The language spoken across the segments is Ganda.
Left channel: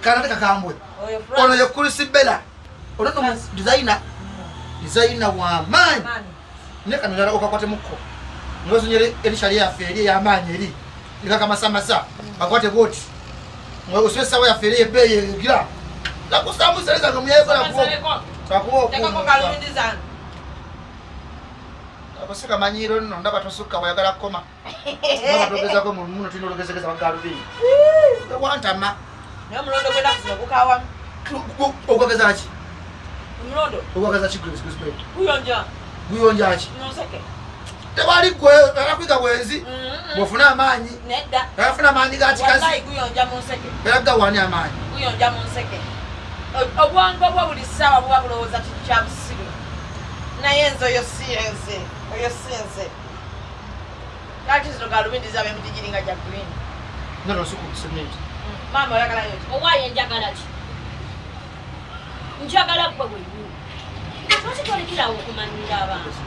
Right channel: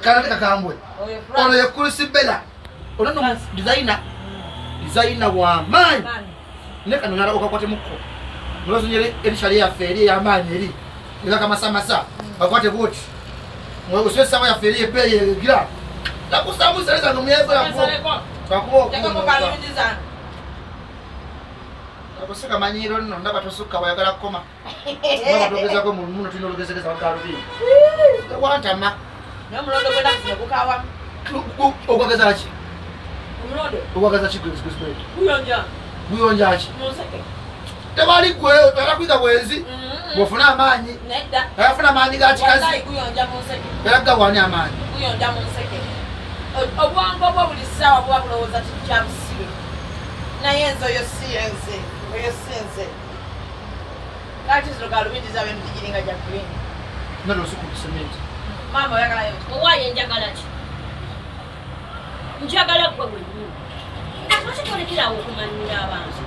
Kana kakambwe. Ono yakulisi bela. Ono no designer wa man. Ne kana nara okakwate mukko. Mlozo nyere elishali ya feri ya manyi eri. Nika kama samasa. Bakwate boti. Mwe uswesa wa ya feri ebe gira. La kusamu seleza ngomuyeko la kubo. Takubo. Tekako kalundiza. Abasaka manyiro nno ndaba tosuka wayagala koma. Mwa togeza ko muno tinologezegeza bagalubi. Wantama. No mulondo kwenda kusima kukawa. Ogwageza ki? Mulondo. Ogwageza ki Chris. Guyonja ki? Museke. Tebali gwe akakwiga bwenzi. Bofuna amanyi. Nedda. Afuna amanyi gati kazi. Wallahi guyonja museke. Beraga wani amanyi. Guyonja museke. Obwangu bwo buli sawa bwa buloza kya busibe. Na yenzo yo siyenze. Oyo sense. That is no galubindi zabe mtijiringa ja green. Nalo suku cement. Mama oyagala yo. Owaye njagala ki? Njagala gwe bwe. Lwaki tolekera okumanyira abantu?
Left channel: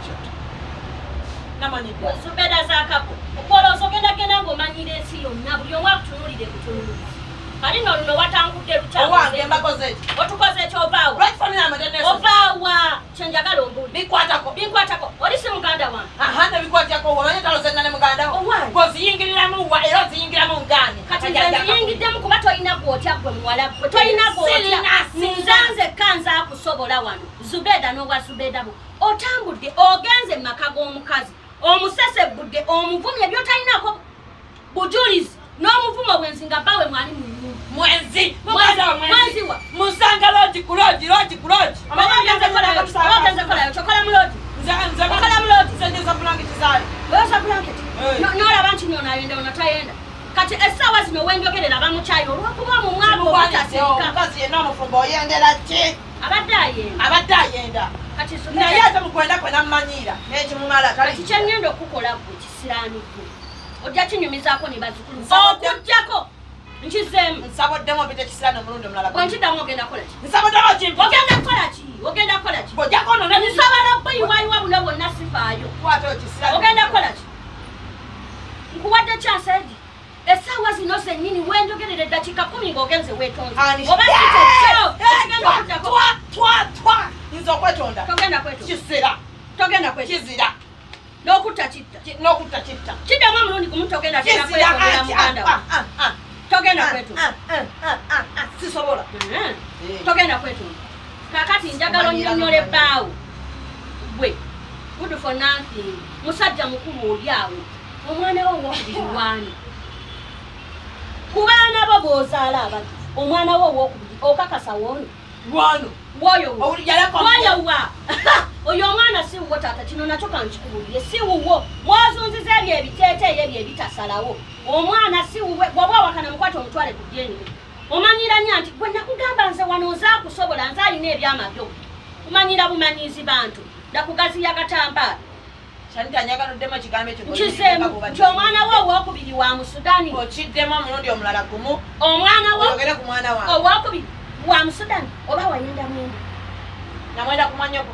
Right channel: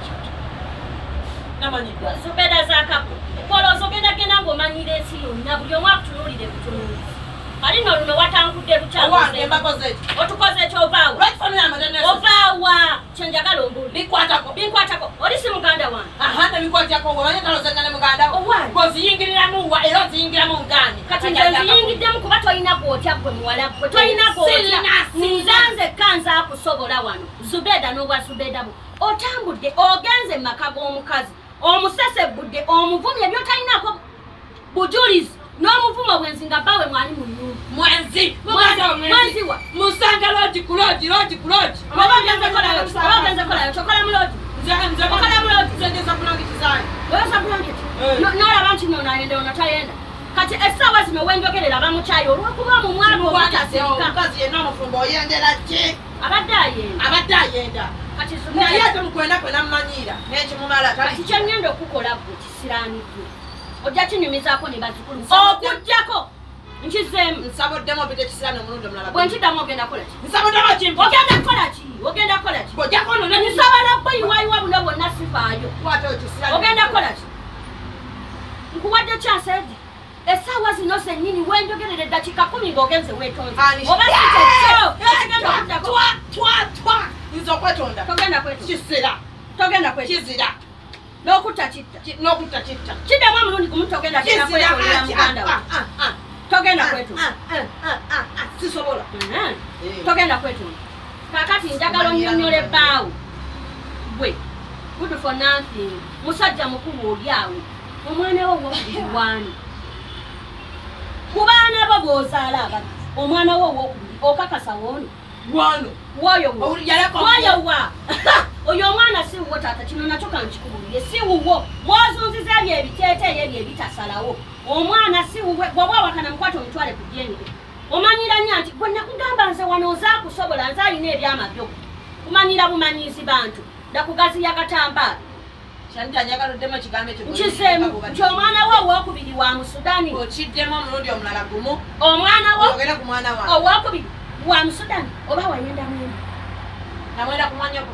Namanyidwa. Zubedah zakapo. Okola osogenda ng'omanyira ensi yonna buli omu akutunuulire butunuulizi. Kali nno luno watangudde lukyamu. Owange mbakoze eki? Otukoze ki ovaawa? Lwaki famina amatendesi? Ovaawa kyenjagala ombuuli. Binkwatako. Oli si muganda wange. Aha, nebinkwatako omanyi kalozengana muganda wo. Owange. Bw'oziyingiriramu wa era oziyingiramu ngani. Kati nze nziyingiddemu kuba tolina gwotya gwe muwala gwe. Tolina gwotya. Nze kanza akusobola wano. Zubedah n'obwa Zubedah bo. Otambudde ogenze mu maka g'omukazi. Omusesebudde omuvumye by'otalinaako bujulizi. N'omuvumo bwenzi nga bbawe mwali mu nnyumba. Mwenzi wa musanga loji kuloji. obagenze kolayo tokola mu loji. Okola mu loji. Nsejeza bulangiti zayo. Oyasa blanketi. N'olaba nti n'onayenda onatayenda. Kati essaawa zino wenjogerera bamukyayi olw'okuba mu mwaka obutasika. Omukazi yenna omufumbo oyendera ki? Abadde ayenda. Kati naye ate mukwenda kwena mmanyiira n'ekimulala kati kyengenda okukola gwe kisiraaniddwe. Ojja kinyumizaako ne bazzukulu okujjako nkizeemu. Nsaboddemu obite kisiraani omulundi omulala. Bwe ntiddamu ogenda kukola ki? Nsaboddemu kimpi. Ogenda kukola ki? Bw'ojjako ono nsobola okuyiwayiwa buno bwonna sifaayo. Kwata okisiraani. Ogenda kukola ki? Nkuwadde kyaseedi. Essaawa zino zennyini wenjogerera eddakiika 10 ng'ogenze weetonze. Oba kitekyo ekigenda okuddako. Twa. Nza okwetonda. Togenda kwetonda. Togenda kwetonda. Kizira. N'okutta kitta. Kiddamu omulundi gumu togenda kwetondera muganda wo. Togenda kwetonda. Sisobola. Togenda kwetonda. Kaakati njagala onnyonnyole bbaawo. Gwe. Good for nothing. Musajja mukulu oli awo. Omwana wo ow'okubiri wani. Ku baana bo b'ozaala abato. Omwana wo ow'okubiri okakasa woni. Woyo wa. Oyo omwana si wuwo taata kino nakyo kankikubuulire si wuwo. Mwozunziza ebyo ebiteeteeyo ebyo ebitasalawo. Omwana si wuwe bw'oba awakana mukwate omutwale ku ddyenige. Omanyira nnyo nti gwe nakugamba nze wano nzaakusobola nze alina ebyama byo. Kumanyira bumanyiizi bantu. Ndakugaziya akatambaala. Nkizeemu nti omwana wo ow'okubiri wa Musudani. Okiddemu omulundi omulala gumu. Omwana wo oyogere ku mwana wange. Ow'okubiri wa Musudani oba wayenda mwenda. Namwenda kumanyoko.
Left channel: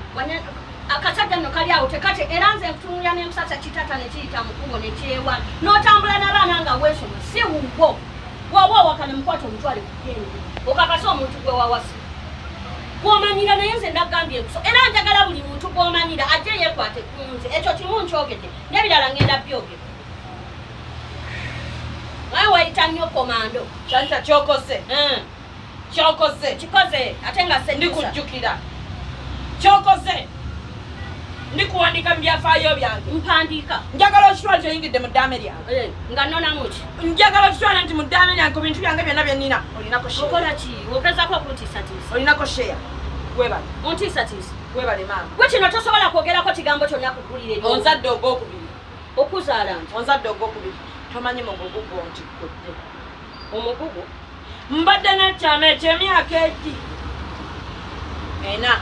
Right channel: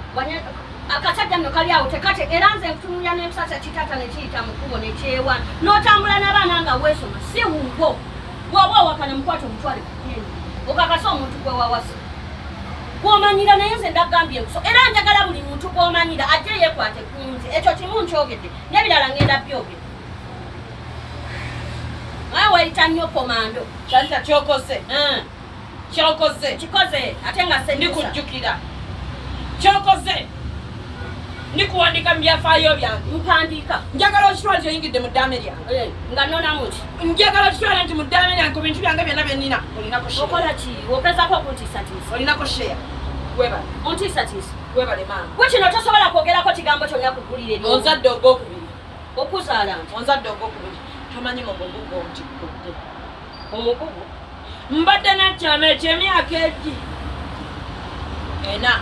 Akasajja nno kali awo tekate era nze nkutunulya n'empusasa kitata ne kiyita mu kkubo ne kyewa. N'otambula n'abaana nga weesoma si wuwo. Bw'oba owakana mukwate omutwale ku ddyenige. Okakasa omuntu gwe wawasa. Gw'omanyira naye nze ndagambye nkuso. Era njagala buli muntu gw'omanyira ajje yeekwate ku nze. Ekyo kimu nkyogedde. N'ebirala ngenda byogera. Naye weeyita nnyo komando. Kyanta kyokoze. Kikoze ate nga sendisa. Ndikujjukira. Kyokoze. Ndikuwandika mu byafaayo byange. Mpandiika. Njagala okitwale kyoyingidde mu ddaame lyange. Nga nnonamu ki? Njagala okitwale nti mu ddaame lyange ku bintu byange byonna bye nnina olinako share. Okola ki? Ogezaako okuntiisatiisa. Olinako share. Webale. Ontiisatiisa. Webale maama. Gwe kino tosobola kwogerako kigambo kyonna kuggulira ebyo. Onzadde ogwokubiri. Okuzaala nti. Onzadde ogwokubiri. Tomanyi mugugu nti gugu. Omugugu? Mbadde n'ekyama eky'emyaka egi. Ena.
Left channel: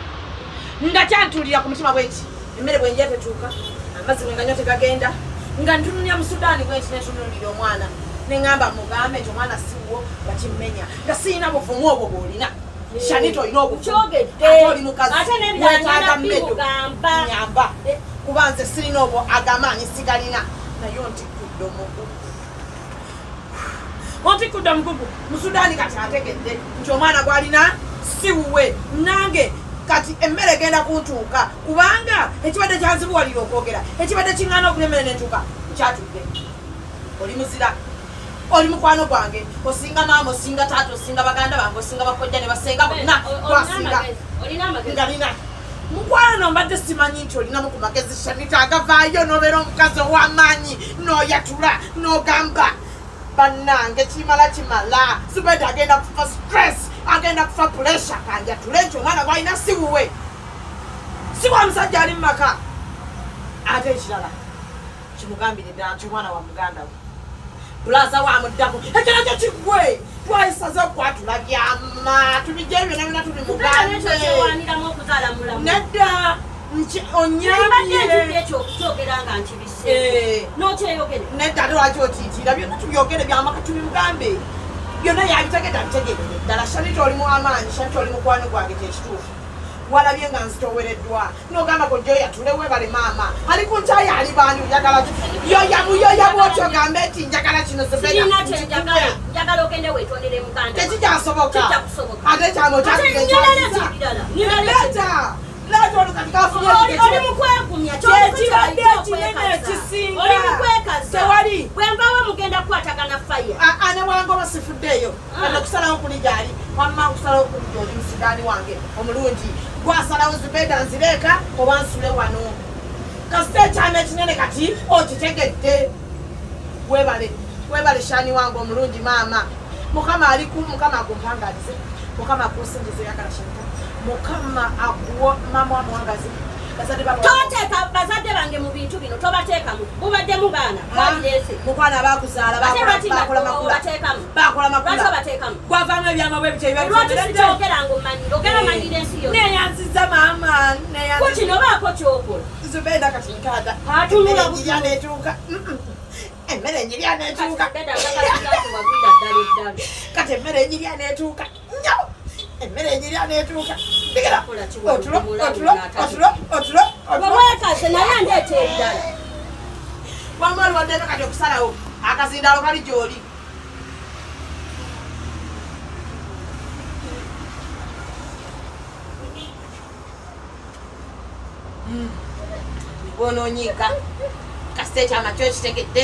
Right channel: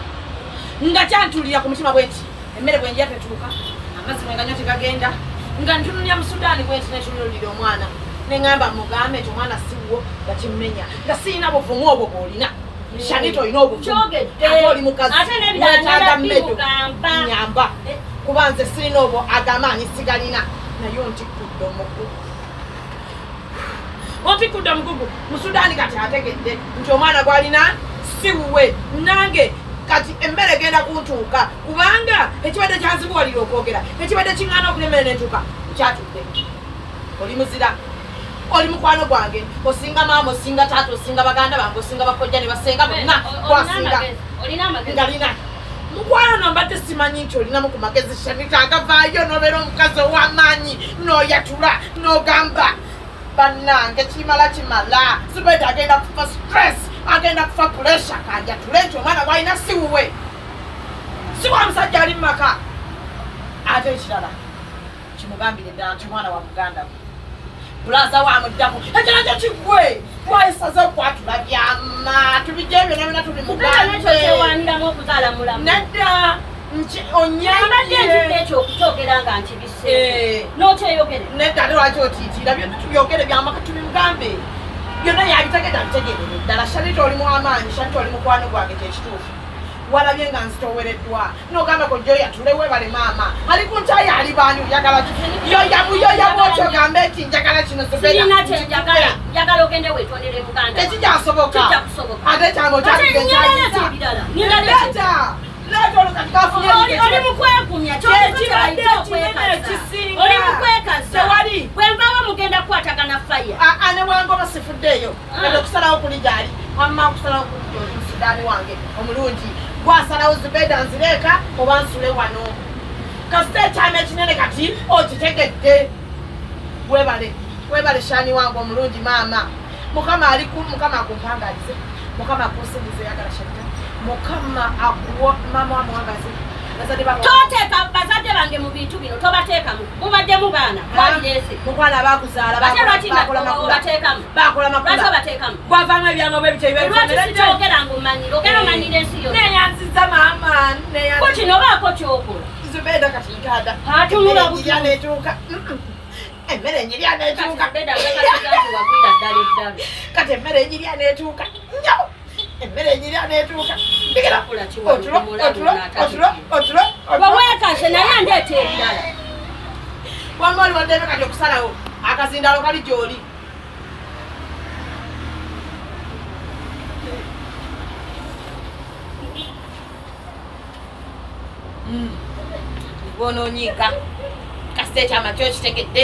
Nga kyantulira ku mutima bwenti. Emmere bwe njya tetuuka. Amazzi bwe nganywa tegagenda. Nga ntunulira mu Sudaani bwenti netunulira omwana. Ne ngamba mugambe nti omwana siwo bakimmenya. Nga sirina buvumu obwo bw'olina. Shanito olina obuvumu. Kyogedde. Ate oli mukazi. Ate n'ebirala bimugamba. Nyamba. Kuba nze sirina obwo agamaanyi sigalina. Naye ontikkudde omugugu. otikudde omugugu Musudaani kati ategedde nti omwana gwalina si wuwe nange kati emmere genda kuntuuka kubanga ekibadde kyazibuwalira okwogera ekibadde kiŋŋaana okulemera n'entuuka kyatudde oli muzira oli mukwano gwange osinga maama osinga taata osinga baganda bange osinga bakojja ne basenga bonna gwasinga ngalina mukwano mbadde simanyi nti olinamu ku magezi shamika agavaayo n'obeera omukazi ow'amaanyi n'oyatula n'ogamba bannange kimala Zubedah agenda kufa stress agenda kufa pressure kanjatule nti omwana gwalina si wuwe si wa musajja ali mu maka ate ekirala kimugambire ddala nti omwana wa muganda we bulaza wamuddako ekirajja kigwe twayisaza okwatula byama tubijja byonna byonna tuli mugambe nedda nedda ate lwaki otiitiira byonna tubyogere byamaka tuli mugambe byonna yabitegedde abitegerere ddala shaniti oli muwamaanyi shaniti oli mukwano gwange kyekituufu walabye nga nzitowereddwa n'ogamba gojjo yatulewe bali maama ali ku nkyaya ali baani oyagala yoyamu otyogambe nti njagala kino tekikyasoboka ate kyamo anewanga olosifuddeeyo ende okusalawo kuli gyali wamma okusalawo kuli gyoli Musudaani wange omulungi gwasalawo Zubedah nzireeka oba nsule wano kasita ekyama ekinene kati okitegedde webale shaani wange omulungi maama mukama agumpangalize mukama akusingize yagala shaka mukama akuwa maama wamuwangazi toteeka bazadde bange mu bintu bino tobateekamu mubadde mu baana balirese mukwana abakuzaala bakola makula gwavamu ebyama bwe bityo bibaikyogera ng'omanyire ensi yo neyanziza maama kukino baako kyokola Zubedah kati nkada emmere enyirya neetuuka kati emmere enyirya neetuuka emmere enyirya neetuuka bweweekase naye andeeta ebirala wamba oli waddeme kati okusalawo akazindalo kali gy'oli gwonoonyiika kasita ekyama kyo kitegedde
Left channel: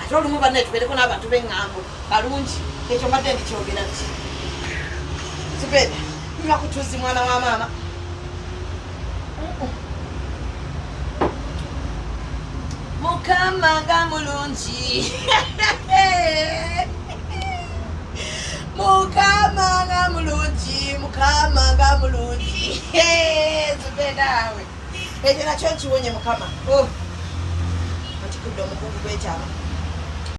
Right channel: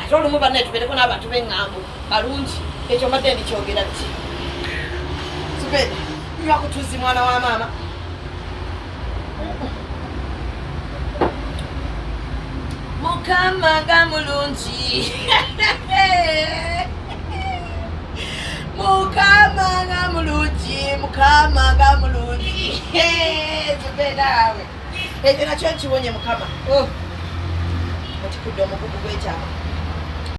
ate olumu banne tubeereko n'abantu b'eŋŋambo balungi ekyo mbadde ndikyogera nti Zubedah nywa kutuzi mwana wa maama mukama nga mulungi mukama nga mulungi Zubedah we ekyo nakyo nkiwonye mukama otikudde omugugu gw'ekyama